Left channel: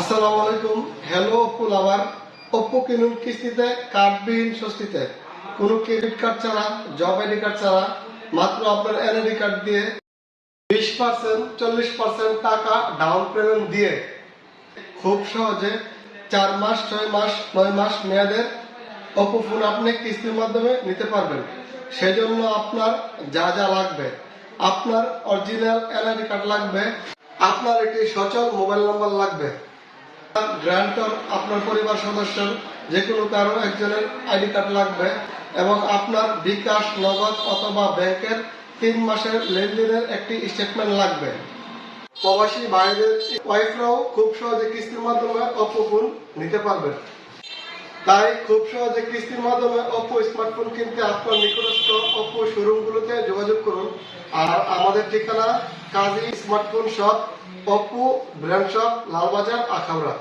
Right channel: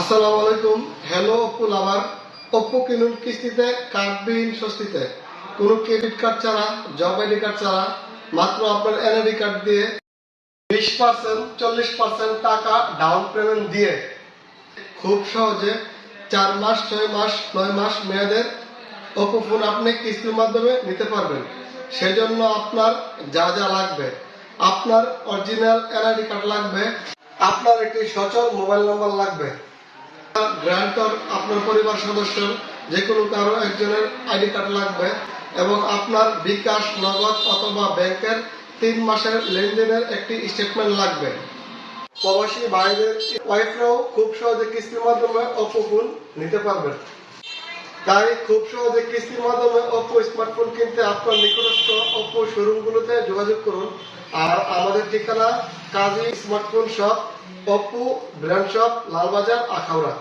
আসসালামু আলাইকুম। হ্যালো অপ্পু লাভার। অপ্পু কিনুন কিস্তিতে, কার্ডবিহীন স্বস্তিতে। কোনো ক্রেডিট কার্ড ছাড়া, জব আইডি কার্ড ছাড়া, মাত্র আপনার এনআইডি কার্ড দিয়ে 20%, 40% টাকা ডাউন পেমেন্ট দিয়ে খুব সহজে 4 মাস, 6 মাস, 9 মাস মেয়াদের অপ্পো ফোন আপনি কিস্তির মাধ্যমে নিতে পারবেন। সেজন্য আপনার যা যা লাগবে, আপনার অরিজিনাল এনআইডি কার্ড লাগবে, আপনার একটি সচল মোবাইল নাম্বার লাগবে, গ্রান্টর আপনার পরিবার সদস্যের যে কোনো কারো একজনের আইডি কার্ড লাগবে এবং আপনার বিকাশ, নগদ অথবা ব্যাংকের 3 মাসের লেনদেনের একটি স্টেটমেন্ট লাগবে। প্রবাসী ভাইদের ওয়াইফরাও খুব সহজে কিস্তির মাধ্যমে অপ্পো ফোন নিতে পারবেন। তাই খুব সহজে কিস্তির মাধ্যমে অপ্পো স্মার্টফোন কিনতে আপনার নিকটস্থ অপ্পো শোরুমগুলোতে যোগাযোগ করুন। আর আমাদের ঠিকানা Kazi smartphone shop, Oppo brand shop, Lalbazar, Akhaura.